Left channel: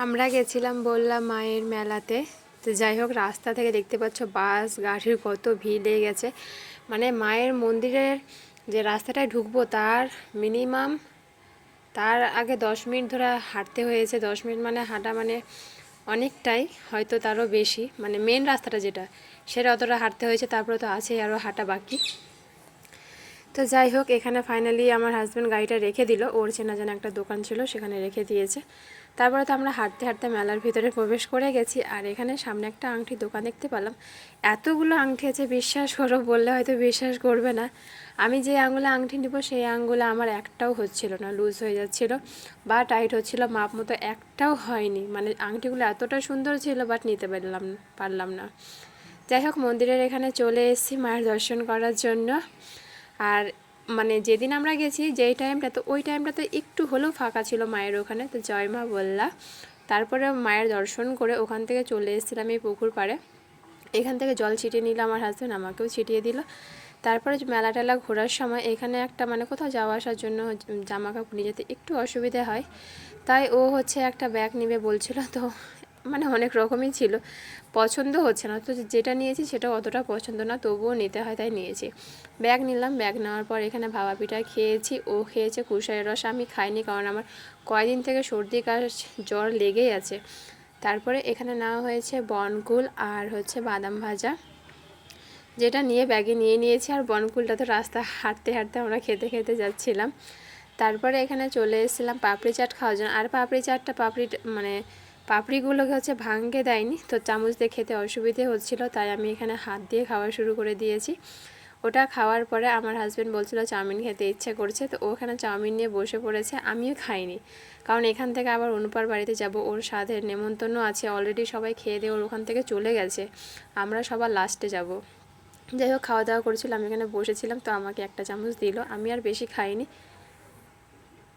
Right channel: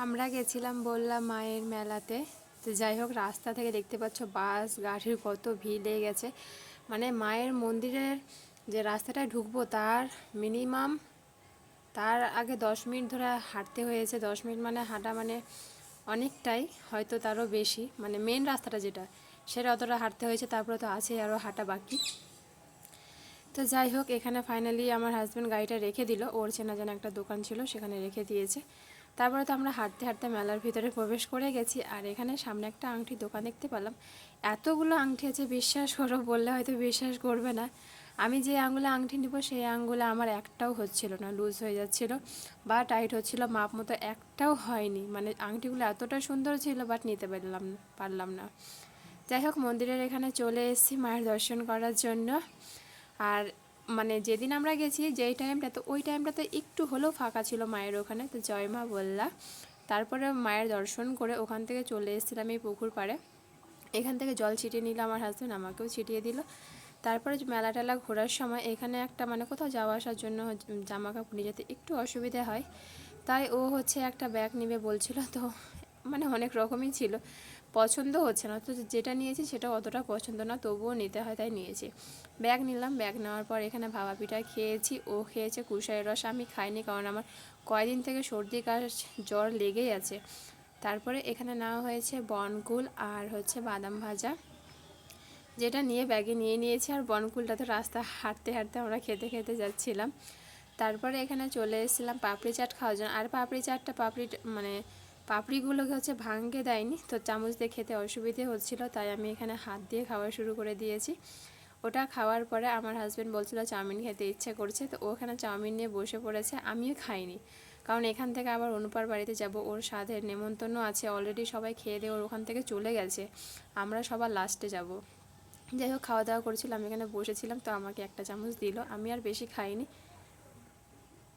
আমরা গেছিলাম বললাম মায়ের মেলাতে। তো যাই হোক, রাস্তা থেকে দেখতে পাচ্ছ বাস গাড়ির কত ভিড় লেগে গেছে। মানে মায়ের মন্দিরের যে রাস্তাটায় ঢুকবো তার মিনিমাম তার আগে 10 মিনিট ধরে হাঁটতে হয়েছে। 10 মিনিট মানে হাঁটা মানে অনেকটাই, হয়তো তারও বেশি। মানে মেন রাস্তাটা যেটা সেটা অতটা হাঁটতে হয়েছে, তারপরে তো আছেই আরও হাঁটা বাকি। তো যাই হোক, এখানে ফাইনালি আমার হাজব্যান্ড গাড়িটা রেখে দিল, ওর চেনা জানা একটা দোকান ছিল সেখানে রেখে দিয়েছে। তারপরে তো আমরা হাঁটতে হাঁটতে মেলার ভিতরে প্রবেশ করে গেছি। আর এখানে সামনে একটা আংটির দোকান দেখতে পেলাম। এতগুলো আংটি আছে, বিশ্বাস করো, বললে হয়তো বিশ্বাস করবে না। আমি যে আঙুলে আংটি নিব সেই আঙুলে আমার একটাও হচ্ছিল না, লুজ হয়ে যাচ্ছিল বা টাইট হচ্ছিল, মাপ মতো একটাও হয়নি। মানে আংটিগুলো এতটা সুন্দর ছিল, বাট নিতে পারলাম না। যাই হোক, মন্দিরের এখানে চলে এসেছি মায়ের দর্শন করার জন্য। আর মানে যেদিন আমরা গেছি যেই টাইমটা, তো ওই টাইমটাতে একটু হলেও ফাঁকা ছিল মায়ের ওখানে। তো জয় মা বললা, তারপরে মায়ের দর্শন করে ওখান থেকে চলে এসেছিলাম এই পুকুর পাড়ে। এখান থেকে জল ছিটিয়ে নিল আমার হাজব্যান্ড, আমাকেও ছিটিয়ে দিল। তারপরে মেলা টেলা ঘোরার সময় এখানে একটা মানে কোথাও যাওয়া আসার জন্য জামা কাপড় নিয়ে যেতে একটু অসুবিধা হয়, তাই ও একটা ব্যাগ নেবে বলছিল। তো মানে অনেক রকমই ছিল, পছন্দ হচ্ছে না। তো যেটা নিয়েছি সেটা অতটা পছন্দ না, তবুও নিতে হয় তাই নিয়েছি। ব্যাগ নিলাম, ব্যাগ নেওয়ার পর এখানে ভাপা পিঠা খেয়েছি, ও খেয়েছে কুশারের রস, আমি খাইনি কারণ আমার কয়দিন থেকে সর্দি কাশ জ্বর লেগেই আছে। তারপরে এখানে নেওয়া হয়েছে বনকুল আর বাদাম ভাজা, যেটা নিয়ে ব্যাগে নিয়ে নিয়েছি। আর বনকুলটা তো রাস্তা হাঁটতে হাঁটতে আমরা খেতে খেতে যাচ্ছিলাম। তারপরে এখানে চলে এসেছিলাম পাপড়ি চাট খাওয়ার জন্য। আর পাপড়ি চাটটা মানে পাপড়িগুলোকে ভাঙতে দেয়নি, তো চামচ দিয়ে খেতে অসুবিধে হচ্ছিলো, তাই আমি এখানে হাত দিয়ে খাওয়া শুরু করে দিয়েছি। ওটা খাওয়ার পরে আমার হাজব্যান্ড বলছিল চাউমিন খেতে ইচ্ছে করছে, তো ওখানে চাউমিন নিয়ে বসে পড়েছে। আমিও খাইনি, কারণ এখান থেকে আবার অনুপার বাড়িতে যাব, ওর সাথে নেমন্তন্ন আছে, অলরেডি সবাই খেয়ে দিয়ে ওর ওখান থেকে চলে গেছে, আমরা সবার লাস্টে যাব। যাই হোক, খাওয়া দাওয়া করেছিলাম, আমি এখানে বসেছিলাম, তো আমাকে একটা চামচ দিল, আমি আর বেশি খাইনি।